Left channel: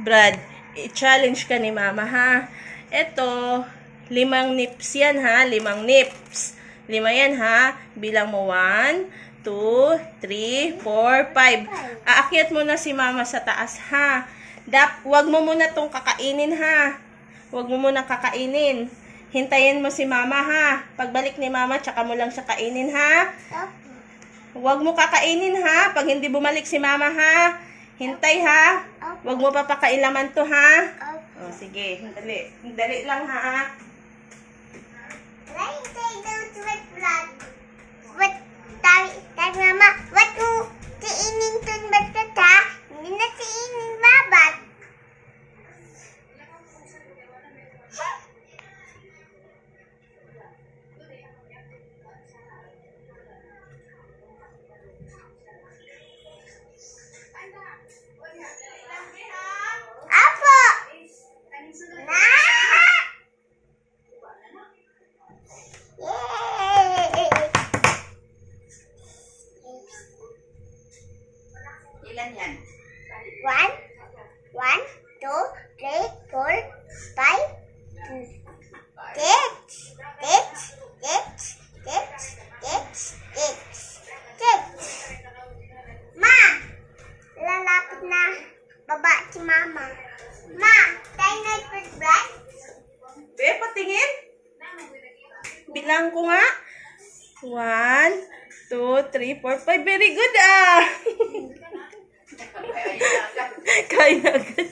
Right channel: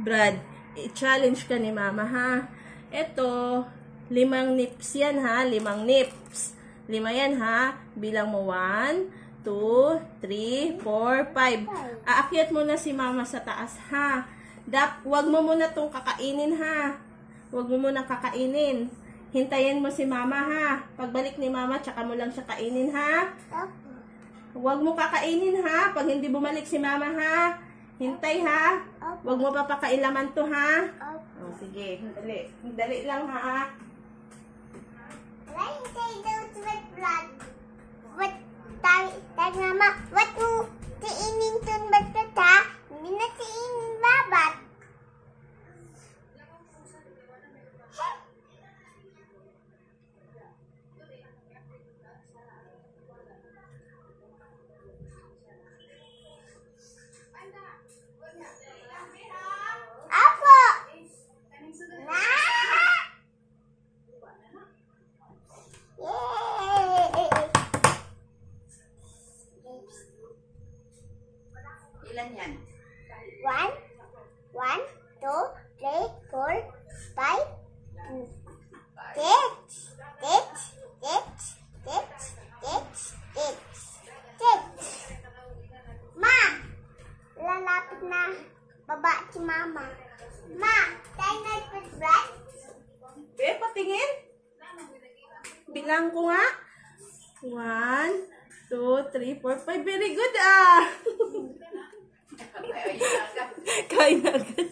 Brad, i-challenge ka ni Mama, ha? Ito, 5 nips yan, ha? 5 nips. 5 yan, ha? Bilang mo 1, 2, 3, 4, 5. Aakyat mo na si Mama sa taas, ha? Wag mo muna tong kakainin, ha? Wag mo muna kakainin. Hintayin mo si Mama, ha? Pagbalik ni Mama, tsaka mo lang siya kainin, ha? Wag mo kakainin, ha? Pag hindi bumalik si Mama, ha? Hintay, ha? Wag mo papakailaman to, ha? O, sige. Dali. Dali lang, ha? Mama, what mo tiinin to ba't ha? Hindi na tiinin babat. Apo! Na! Yay! Ilan yan? 1, 2, 3, 4, 5, 6. Ma! Lalapit na baba si Mama. Ma! Tayo na bread? Be, patingin. Bilang ko nga. 1, 2, 3, 4, 5. Very good, ah. Kaya agad.